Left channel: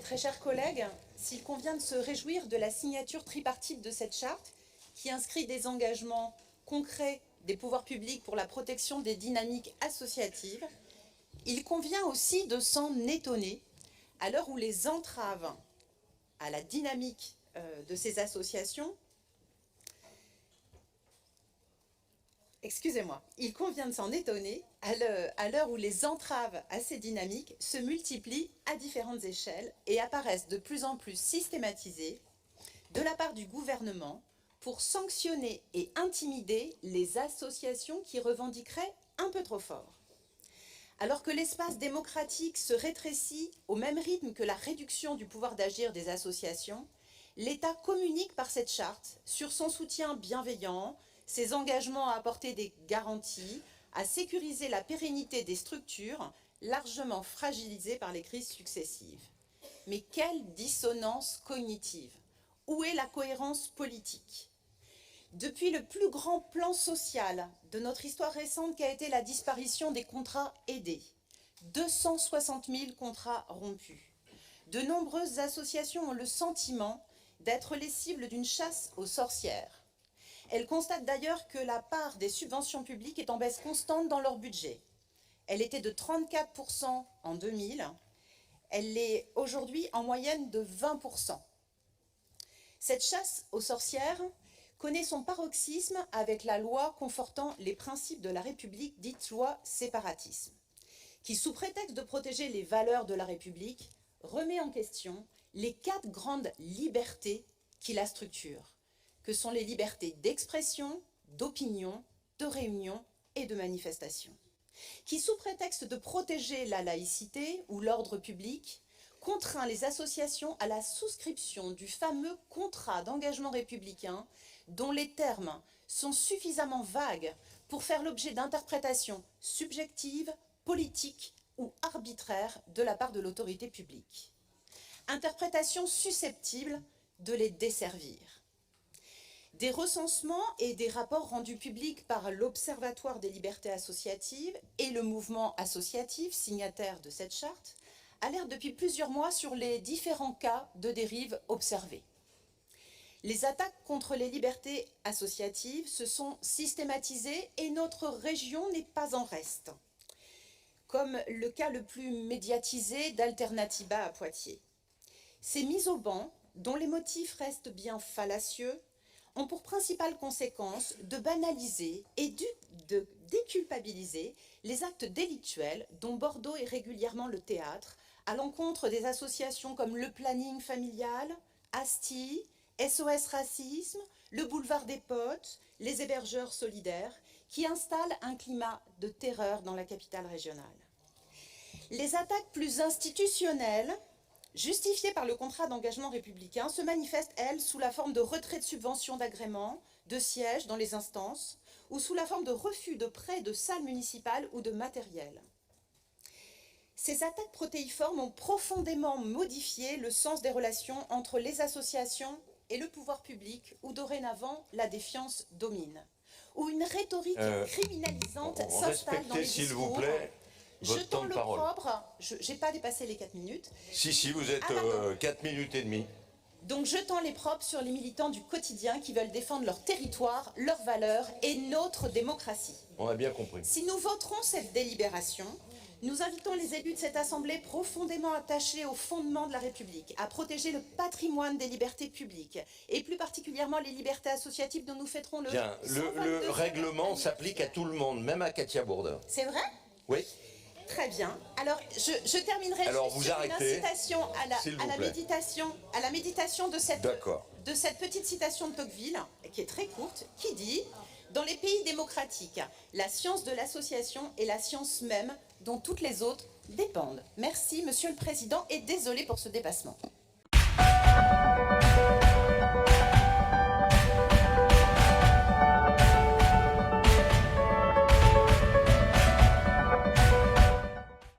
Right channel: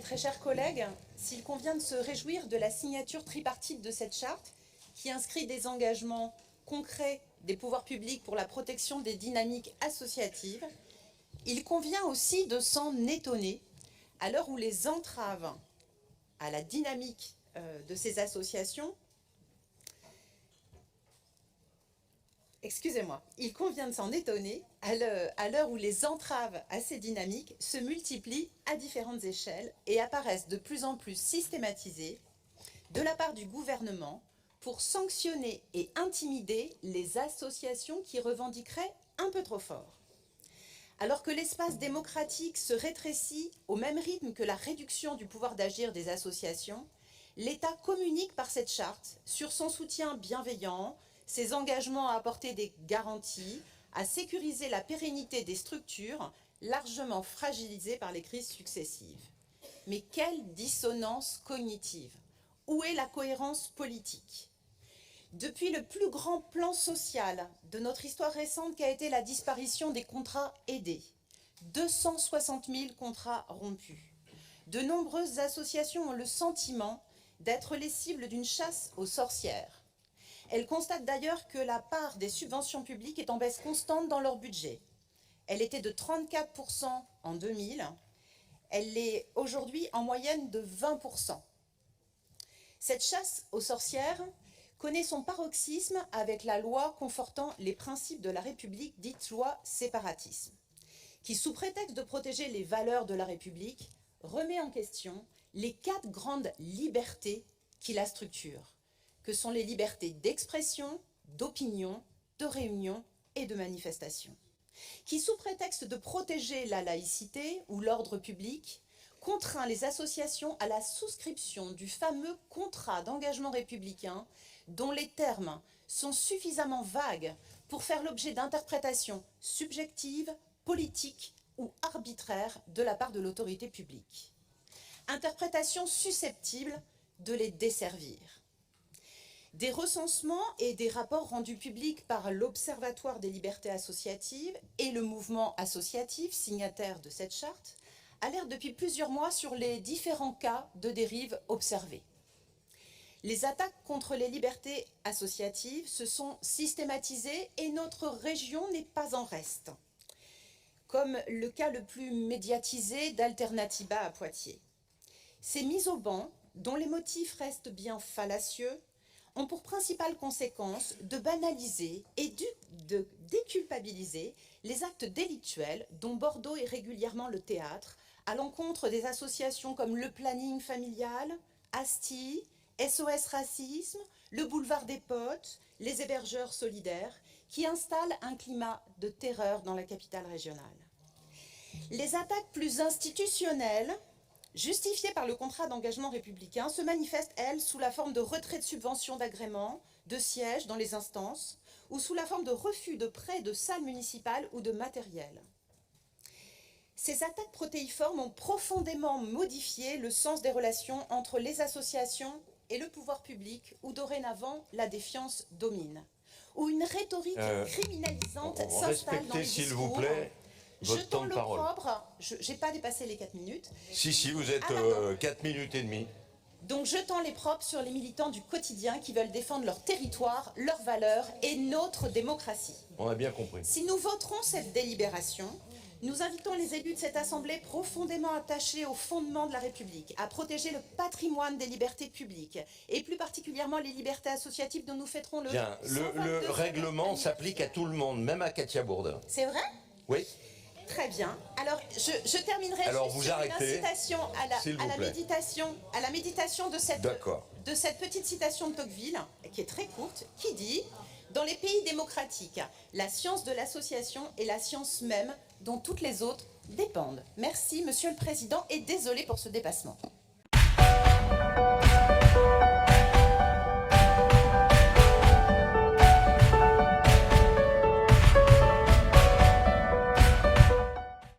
mes très chers collègues, s'il convient de se réjouir de la signature tripartite de cette charte, qui inscrit des engagements concrets des pouvoirs publics pour la protection des dynamiques associatives, il convient aussi de s'en étonner à l'heure où les entraves à la dynamique de ces associations, il convient de s'en étonner à l'heure où les entraves à ces dynamiques se multiplient à différentes échelles et apparaissent de plus en plus systématisées de la part du gouvernement pour sanctionner et intimider les associations qui revendiqueraient un peu trop fort. Alors que l'espace démocratique se rétrécit au même rythme que la réduction du pouvoir d'agir des associations, l'État communique par cette charte sur son soutien bienveillant, ses engagements à apporter des garanties, à sécuriser la pérennité des structures largement fragilisées par les crises successives. Mais quelle dissonance cognitive! Où est la cohérence politique? Depuis le plus grand plan social de notre histoire récente qu'a été la disparition des contrats aidés, 260 000 contrats rompus, de nombreuses associations ont le sentiment d'être les cibles d'une chasse aux sorcières. Elles constatent d'ailleurs que la part des subventions publiques est en baisse constante dans leur budget. Elle était de 34% en 2000, elle l'est aujourd'hui en moyenne de 20%. Cette chasse aux sorcières connaît son paroxysme avec la loi confortant les principes de la République, dite loi séparatisme, qui, sous prétexte de protéger les valeurs de la République, remet en question les 4 grandes libertés qui la structurent, que sont les libertés d'expression, d'opinion, de réunion et de manifestation, qui, sous prétexte de protéger la laïcité ou l'ordre public, contraint les associations à la souscription du fameux contrat d'engagement républicain dont les termes sont suffisamment vagues pour faire l'objet d'interprétations subjectives, politiques ou arbitraires de la part de l'autorité publique. Interprétations susceptibles de les desservir. Des recensements et des rapports rendus publics par l'Observatoire des libertés associatives et le mouvement associatif signataire de cette charte alertent depuis plusieurs mois sur les différents cas de dérive observés. Les attaques contre les libertés associatives se sont systématisées et notre région n'est pas en reste, comme le cas le plus médiatisé d'Alternativa à Poitiers. Ces mises au ban, dont les motifs restent bien fallacieux, ont pour principale conséquence de banaliser et de déculpabiliser les actes délictuels dont Bordeaux est régulièrement le théâtre, à l'encontre des associations comme le Planning Familial, ASTI, SOS Racisme, le Boulevard des Potes, les Hébergeurs Solidaires, qui installent un climat de terreur dans la capitale régionale. Les attaques plus institutionnelles, justifiées par le contrat d'engagement républicain, se manifestent, elles, sous la forme de retrait de subventions d'agrément, de sièges dans les instances, ou sous la forme de refus de prêts de salles municipales ou de matériel. Ces attaques protéiformes ont profondément modifié le sens des relations entre les associations et le pouvoir public, où dorénavant la défiance domine, où une rhétorique criminalisante s'installe dans les discours. S'il vous plaît, votre temps de parole. Je n'ai pas dépassé les 4 minutes. Si, vous êtes 4 minutes et demie. Donc je tends les propres sur les militants du quotidien qui veulent défendre leur territoire, leurs valeurs et notre démocratie. On a bien compris. Si nous voterons cette délibération, nous invitons les élus de cette Assemblée profondément attachés aux fondements de la République, à protéger le patrimoine des libertés publiques, et plus particulièrement les libertés associatives dont nous fêterons le... Bien, le règlement s'applique à tout le monde, même à Katia Bourdin. C'est vrai? Oui. Très bien. Alors, je terminerai juste sur une incitation à la méditation de cette petite citation de Tocqueville, qui est très courte, qui dit « Dans les pays démocratiques, la science de l'association est la science même dont toutes les autres dépendent. » Merci, Monsieur le Président, et désolé pour ce dépassement.